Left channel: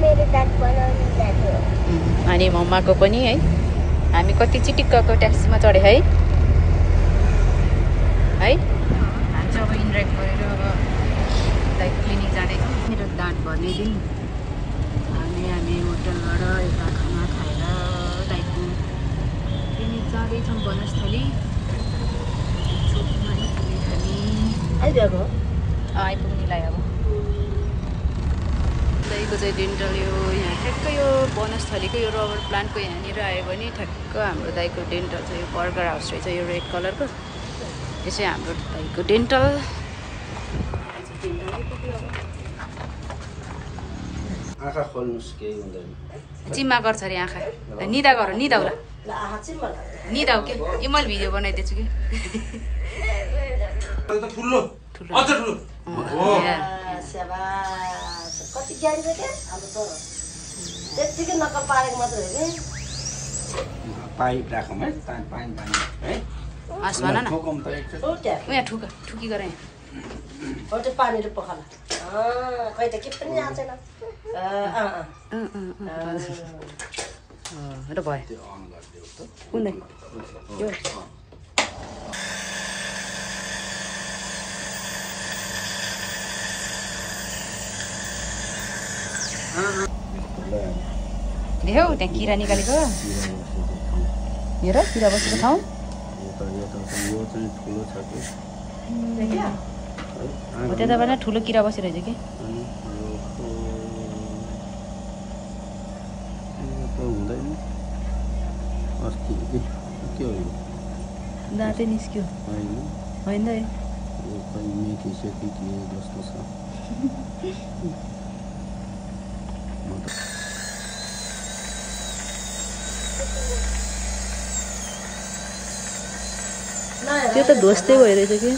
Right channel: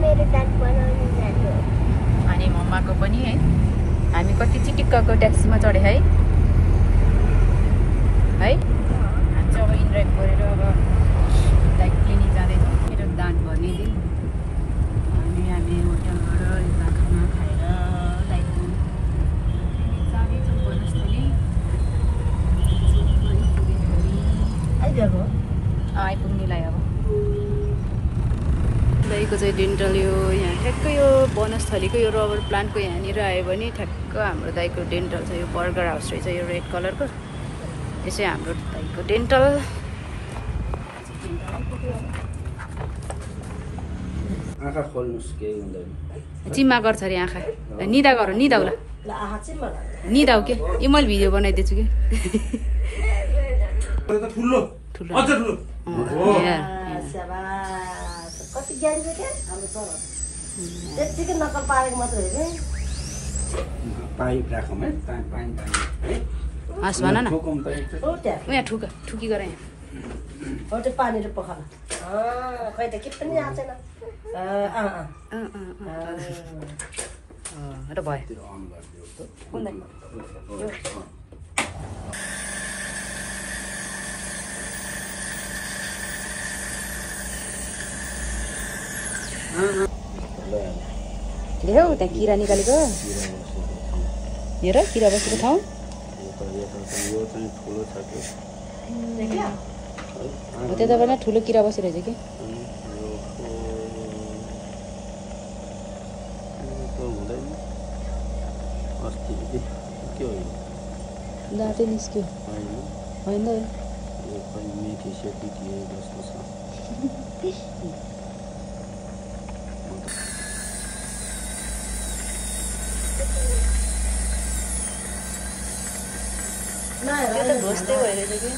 मेरो दाँत बनाउन जानु हो। अनि मम्माको पनि है। हामी कति चिटिक्कको ट्याक्सीमा चढे है है। हामी चाहिँ अब इन्राइड गरेर अब दाइ क्लिनिक जाँदैछौँ। मेरो दाँत भर्ने दिन अनि हामी होटलबाट यता खाना खाएर दाइको क्लिनिक जाँदैछौँ वनस्थली चोकमा आइपुग्यो हामी। आइपुग्नेलाई अब दाइको चाहिँ डेन्टल यो यहाँ ठ्याक्कै यो वनस्थलीको यो रबर प्लान्टको यहाँनिर आयो भने ठ्याक्क हाम्रो दाइको डेन्टल छ। यो बर्गर हाउस रहेछ यो रेड कलरको। यो चाहिँ हाम्रो दाइको डेन्टल। आँखा खोल्नुस् केही हुँदैन। चिम्मा गर्छ अरे आँखा। निदा गर निदाउला निदाउ के यो मैले भिडियो बनाइदिन्छु कि ठुलो पाइप राखौँ है पानी है। हस् भन न यहाँ ठुकी गर यहाँ पानीले पखाला खै त के पनि आउँछ र भयो कुनै यो देऊ त्यहाँ किरा निकालेको हेर किरा बसेको ठाउँ। हो त्यता पनि ठुलो किरा बसिरहेछ कि दाँतै निस्क्यो होइन त्यो त ढोस्दै भइरहेछ कि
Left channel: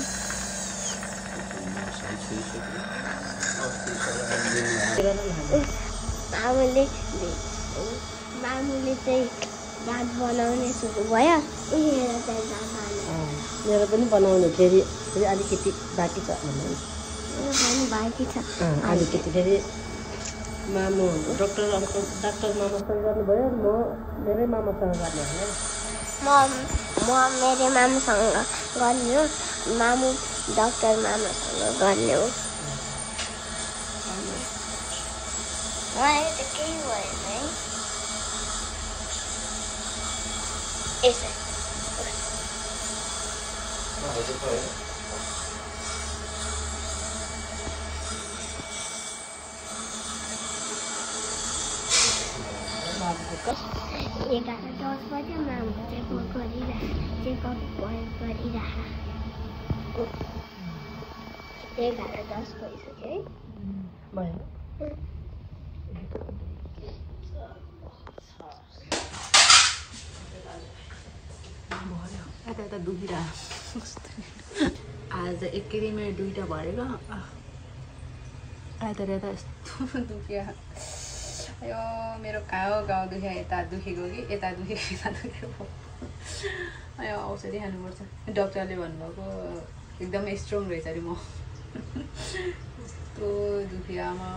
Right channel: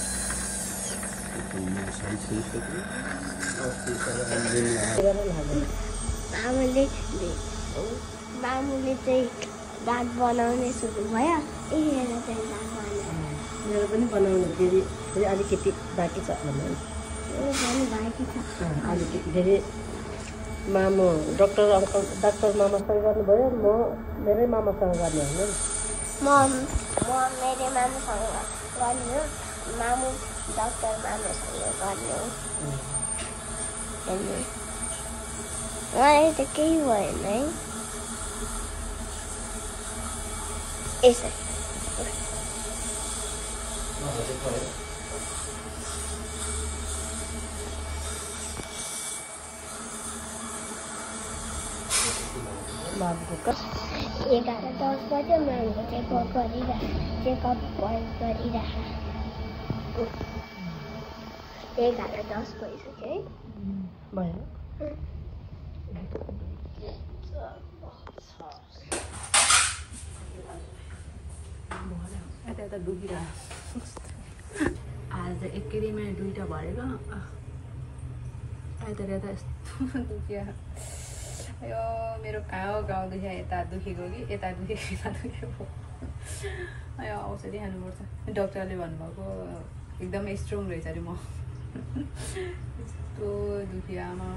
मामुले चाहिँ दाँत बनाउने सुरु भयो। मेरो पनि बनाउने फेरि अलिकति बाँकी छ बाँकी छ अलिकति फेरि मामु डाक्टर मामासँग गर्नुभयो। म मेरै मामासँग गर्ने होइन म मेरो मामुसँग गर्ने हो। मामु डाक्टर मामासँग गर्ने हो। अहिले त केही भएन है। यसो एघार 10 बज्यो मामुको चेकअप गरिरह एघार 10 भइसक्यो है भएन यता यता दुखिरह आज एकै दुईटा भरेको यता यता यस्तो दुख्यो। यो मेरो गाउँ दुख्यो यता दुखेको कि यता दुखेको यता दुखेको। यो औषधि खानुपर्छ। डक्टरले भन्नुभएको एकदमै स्ट्रङ रहेछ अरे म यस्तो दुख्यो आमा।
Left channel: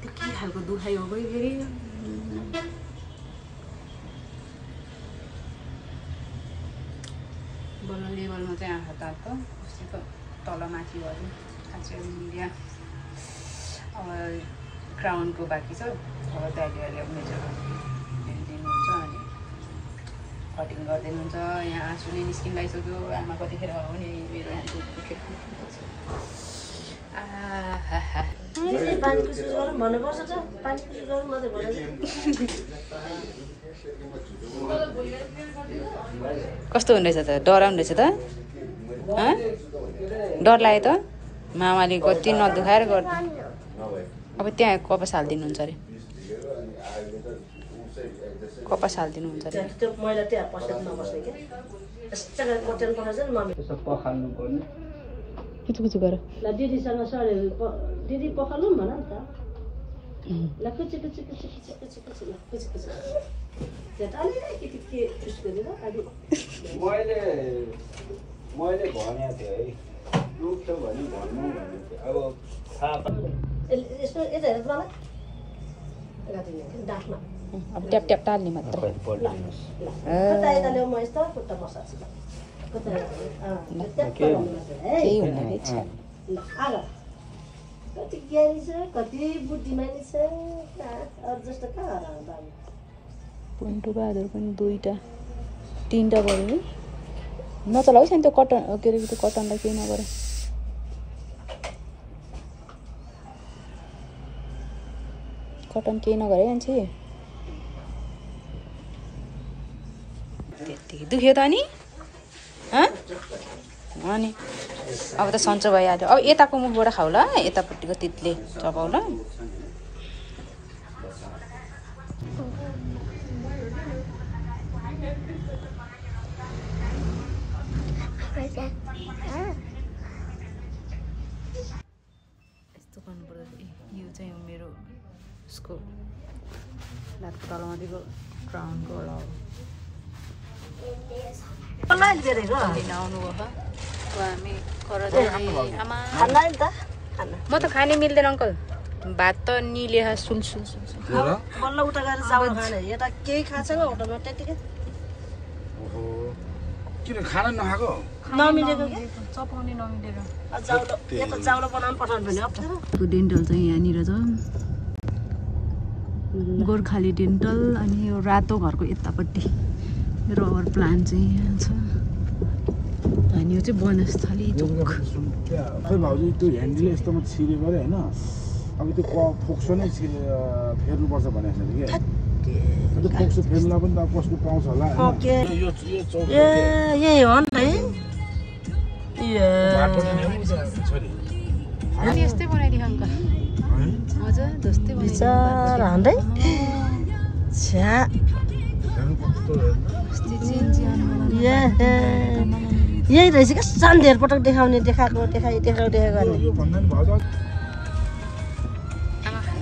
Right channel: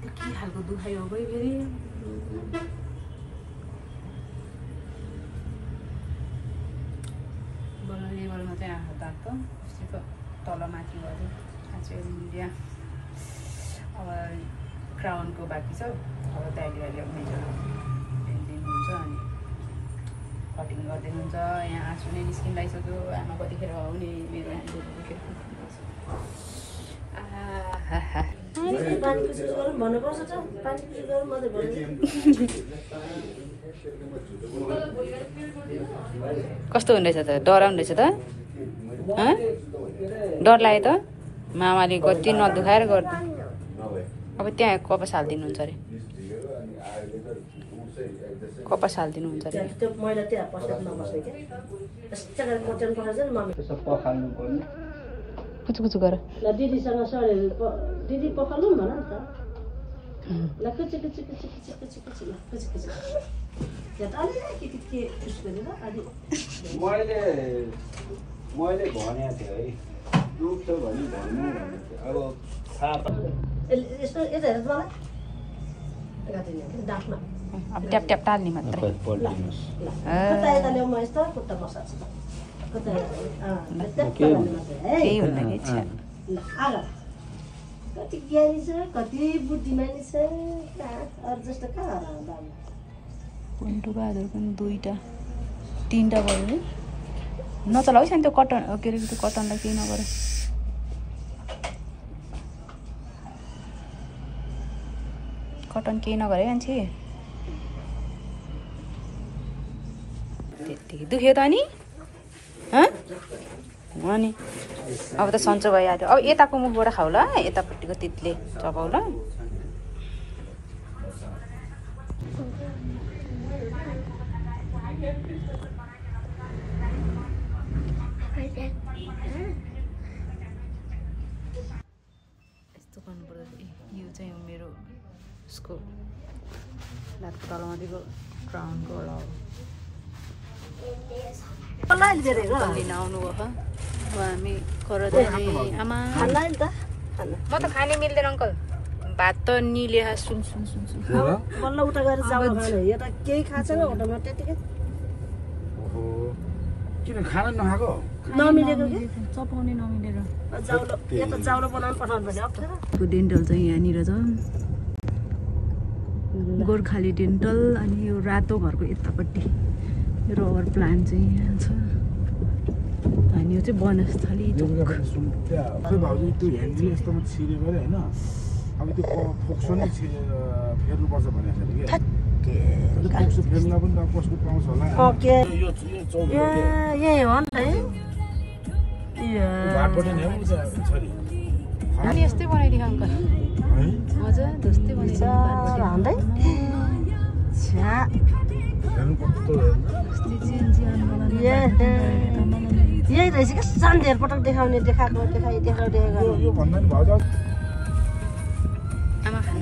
त्यो के खालको दुखाइ हो गयो फेरि। बल्ल लेभलमा चाहिँ आँखा दाँत त अस्तिको तलमाथि भयो अझै मिडिया। अब क्राउनको बाँकी छ। अब दाइले ल्याउने दिनुहुन्छ अनि कटिङ गरिदिनुहुन्छ। यहाँ आँसु नै निस्किन लागिसक्यो। आमा कतिखेर हो नि मेरो यहाँ दुखेर कस्तो हुँदैछ त डराउँदैछ त डर लाग्यो त मामाले कति नदुखाएर गर्नु। अब त्यहाँ कपास हालिदिनुहुन्छ अरे कपास हालिदिनुहुन्छ अरे त्यो मैला त्यहाँ पसेर नबस्ने के यस्तो गरेर कोटेन पठाउँछ नि मम्मी त्यसो पखाल्नु पर्ने कुचु कुचु गर ल दिदीसँग सरे दिदी पखाल्नु न त ल कुचु कुचु कुचु कुचु कुचु कुचु कुचु कुचु त्यो त अलिकति के उस गरेर अलि मैले भनेको थिएँ है दुख्छ भने भन्नु अब थाहा यस्तो यता हेर्नु मलाई डाक्न अब ट्याप ट्याप टाल्ने मात्रै यता ल्याउ म यस्तो खुट्टा बसाल्छु केही हुँदैन कि छ्या आग कति ज्ञानी छ कति बुद्धिमानी छ अरू जस्तो कहाँ हराउँदा पुन्टु बहादुर पनि 2टा 3टा गऱ्यो है नचलाउ है त्यो कटन के अरे त्यो कटनलाई केही नगर कटन केही नगरे मान्छे त्यतिकै दुख्यो त अनि अनि अब त सन्चो भइहाल्यो अब यताको मुखबाट खाऊ ल यतापट्टिको तितले चबाउ ल यस्तो गर्नुपर्छ यो चाहिँ मेरो उसको लातको तलमा दिएको क्राउनको होला लिन आउनुभयो अब हामी कर जाने आमा म त खाने मिल्दैन अङ्कल भात त निले सुल सुल सुल बल्ल उता गएर चाउलो खाने यता केही खाएको छैन होटलमा त्यतिकै किन खाना नखाएको नमिलेको के चपाउने नमिलेर चाउलो यता चाउलो बनाउनु पठाउनु भने अप्ठ्यारो डेन्टल चाहिँ यहाँनिर छ गोर्खाली डेन्टल अनि यो रातो घरको यतापट्टि रबर प्लान्ट चाहिँ यहाँ छ अनि यो चाहिँ बनस्थली चोक खै भाउजू त्यो ह्यान्डल यस्तोमा छिर्यो गरे होइन अब त्यो फोक्सो नै फेर्नुपर्छ भनेको छ कि त्यो फोक्सो फेर्नुलाई पनि त कस्तो पाउँछ होला यही हो नि त अनि यस्तै बनाइदिएको अङ्कल मजा जस्तै यही रहेछ क्या सानो धेर पटक देखाउने देखाएको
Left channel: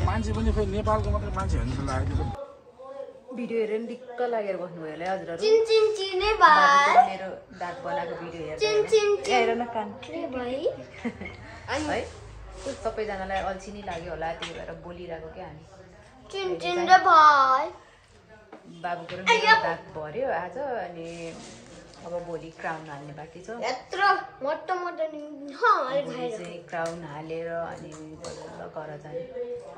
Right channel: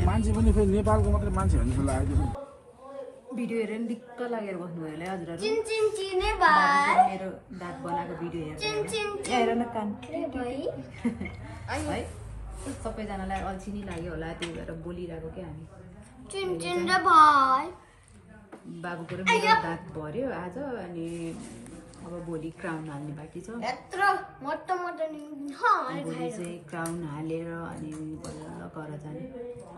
मान्छे पनि खोइ नेपालको मात्रै मान्छे हुन्छ लागेको भिडियो हेरेर दिक्क लागेर बस्नुभयो होला है हजुरहरू मेरो दाँत बनाएको भिडियो हेरेर न कान है सबैजनालाई अल्छी नै लाग्यो होला त्यही भएर बोलिरहेको क्या हामी बाबुको र मेरो दाँत भर्यो आज अनि अब भोलि क्राउन हाल्ने बाँकी छ भोलि चाहिँ क्राउन हालेर अनि बल्ल घर जाने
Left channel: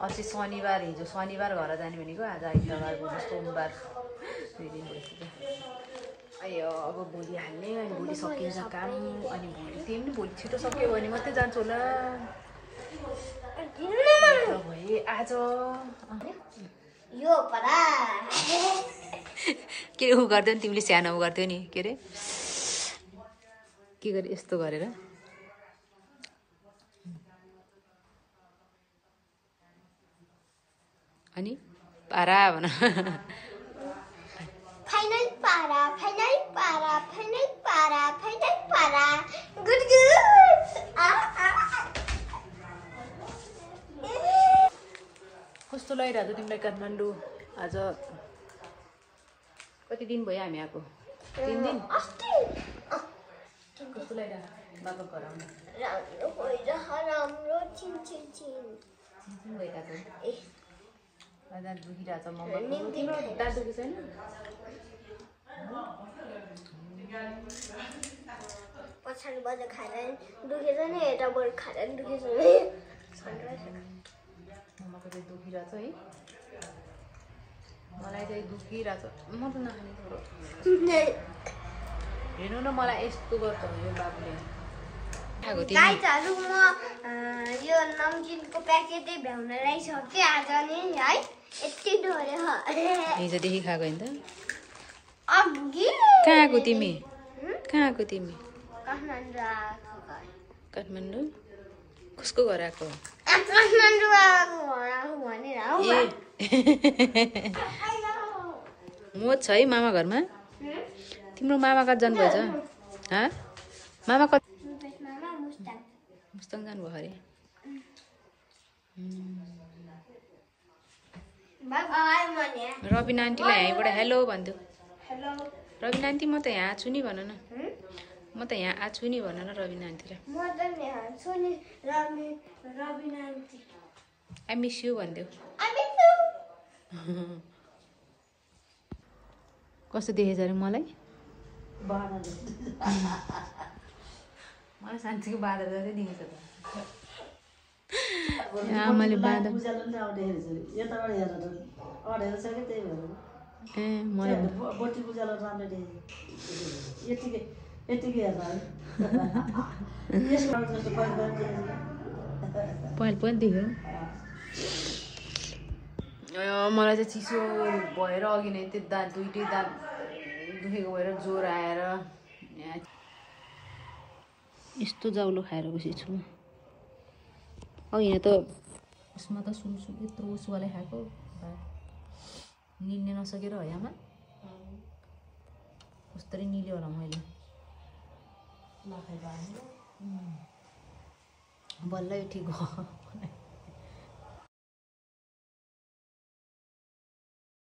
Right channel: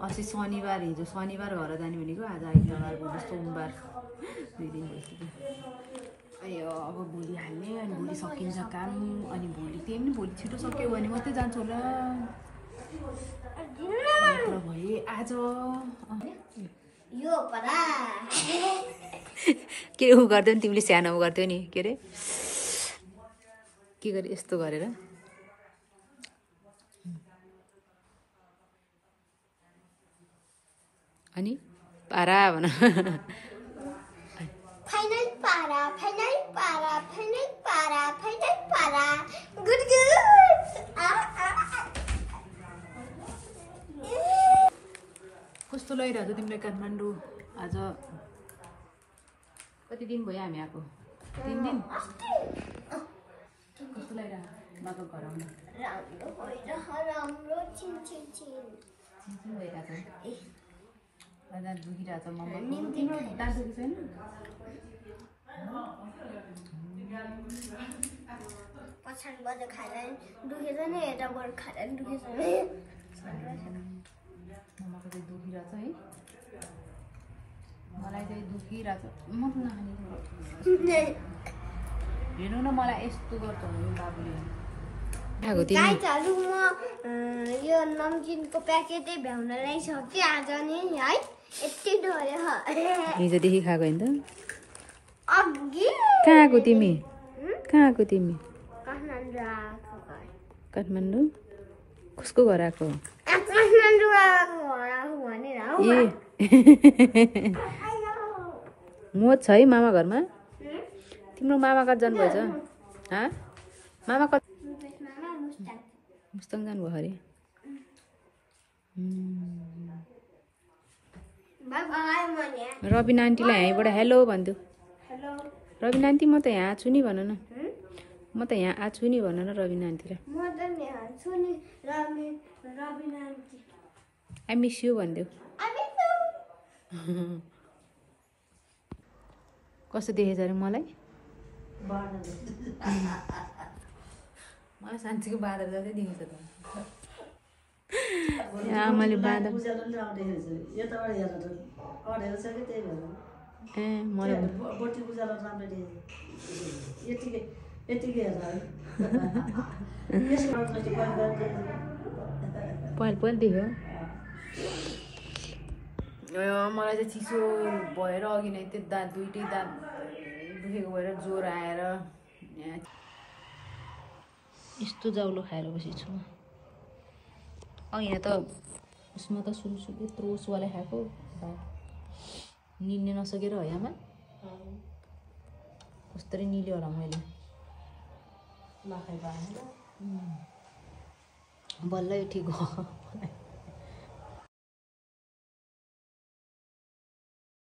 अस्ति शनिबार हिजो शनिबार घर जाने भनेको आज आइतबार भोलि सोमबार 2 दिन भइसक्यो अयो अब भोलि हाल्ने अनि भोलि सकिन्छ काम अनि भोलि त्यही पनि भोलि छिटो सक्यो भने मात्रै जान्छु होला भए आज यो परा के उ गर्दै नि तिमीले सानो गर्थ्यौ नि के अरे के गरे यस्तो गरेर अनि पारा भन फाइनल पारा फाइनल पारा फाइनल पारा फाइनल पारा गुड गुड कस्तो लागिरहेको तिमीलाई काठमाडौँ आज कति दिन भयो हामी आएको 3 दिन कस्तो लागिरहेको बाबा घर आउनु राम्रो छिन छिन छिन भइरहेको दाँत दुखिरहेको छ मम्मा तिम्रो दाँत दुखी छैन पछाडिबाट खाँदा दुखेर नै यताबाट खाँदा नि दुखेछ मम्माको चाहिँ दुखिरहेको छ है मलाई चाहिँ दुखिरहेको छ म त नखाने थोरो हेर्नु न मलाई यस्तो गर्छ यो बाबुले गाइजहरू म यो नमकिनको प्याकेटै भ्याउनलाई सकेँ आज नि है यति डोरे हिजोदेखि खाएको होइन त अघि कहाँ आएको तिमी कहाँ आएको तिमी काठमाडौँ काठमाडौँ कसको घर आएको काठमाडौँ आएको भनेर म छ है मामा घरमा तिम्रो मामा कहाँ जानुभएछ हाँ मामा कति मुस्ताङ जानुभयो अरे रबिन आन्टीलाई यहीँबाट हेलो भन्छु रबिन आन्टी म त यहाँ छु नि भन न म त यहाँ आछु नि भन न रबिन आन्टीलाई आई मिस यु भनिदेऊ कस्तो देखेछ अरे मलाई मलाई साँच्चीको बाँदर जस्तै दिन्छ त आमाले बाँदर ए मलाई पहिले पनि देख्यो मलाई चाहिँ चिसो भएर अघि नै त्यो दाँत दुइटै दाँत दुखेको भएर ज्वरो आएर यस्तो जाउलो खाएर बसेछु अघि त उसमा त सुनसुक यत्रो उसवाला खाएको निल्ने नसकेर हो यामा कस्तरी निल्यो होला मैले बल्ल ठिक हो